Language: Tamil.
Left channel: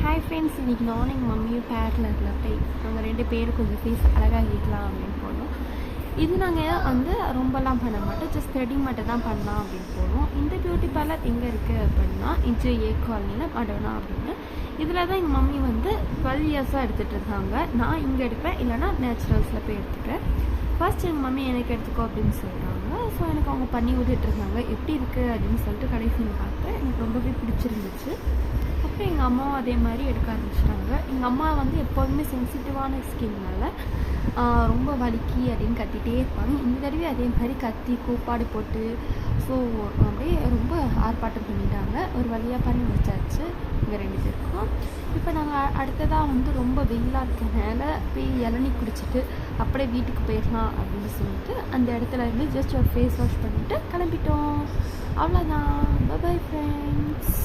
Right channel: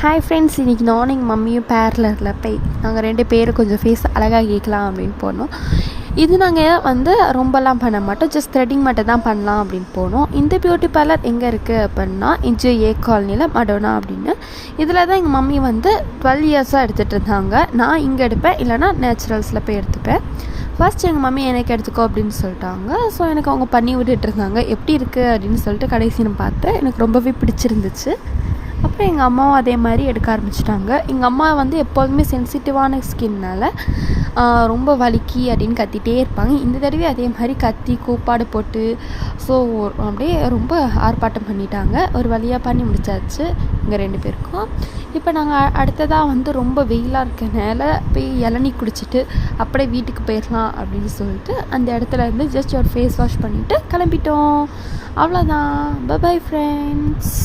ஹாய் ஃப்ரெண்ட்ஸ், இன்றைக்கி நானும் எங்கள் மம்மியும் பேரலரில் போய் நாங்கள் 2 பேரும் கொஞ்சம் ஃபேஸ் அழகாக கேட்கலாம் அப்படின்னு போனோம். இது நாங்கள் வந்து ரொம்பலாம் பண்ண மாட்டோம், ஜஸ்ட் த்ரெட்டிங் மட்டும் தான் பண்ணலாம் அப்படின்னு போனோம். இந்த பியூட்டி பார்லர் எங்கே இருக்குது அப்படின்னா ஏ காலனியில் மடோனா அப்படின்னு. இதில் தான் எங்கள் மம்மி வந்து 12 இயர்ஸாக எடுத்துகிட்டு இருந்தாங்க. நான் இங்கே எடுப்பேன், இல்லைனா நேச்சுரல்ஸில் போய் எடுத்துப்பேன். ஃபர்ஸ்ட் எங்கள் மம்மி எனக்கு எடுத்துக்கோ அப்படின்னு சொல்லிட்டாங்க. ஸோ எனக்கு அவங்க பண்ணி விட்டுட்டு இருந்தாங்க. எப்படி இருக்குது அப்படின்னு சொல்லிட்டு கடைசி நான் பார்த்தேன். எனக்கு ரொம்பவே பிடிச்சிருந்துச்சு. அப்புறம் எங்கள் அம்மாவும் அதே மாதிரி எடுக்க ஆரம்பிச்சிட்டாங்க. எங்கள் அம்மா வந்து எப்போதுமே சென்சிட்டிவான ஸ்கின்னால் ரொம்ப வலிக்கி அப்படின்னு கத்திகிட்டே இருப்பாங்க. இந்த தடவை அதே மாதிரி கத்தி கூப்பாடு போட்டு ஸோ அப்படியே ரொம்ப ஆர்ப்பாட்டம் பண்ணிட்டாங்க. ஒரு வழியாக பண்ணி முடிச்சாச்சு எங்கள் 2 பேருக்கும். இப்போ நாங்கள் அடுத்ததாக வந்து ரொம்ப வெயிலாக இருக்கனால போய் இளநீ குடிச்சிட்டு அப்படியே வீட்டுக்கு போயிடலாம் அப்படின்னு சொல்லிட்டு அந்த இடத்துல இருந்து ஜஸ்ட் ஒரு ஃபேஸ் வாஷ் பண்ணிவிட்டு கிளம்பிட்டோம். அவ்வளோதான். Bye friends.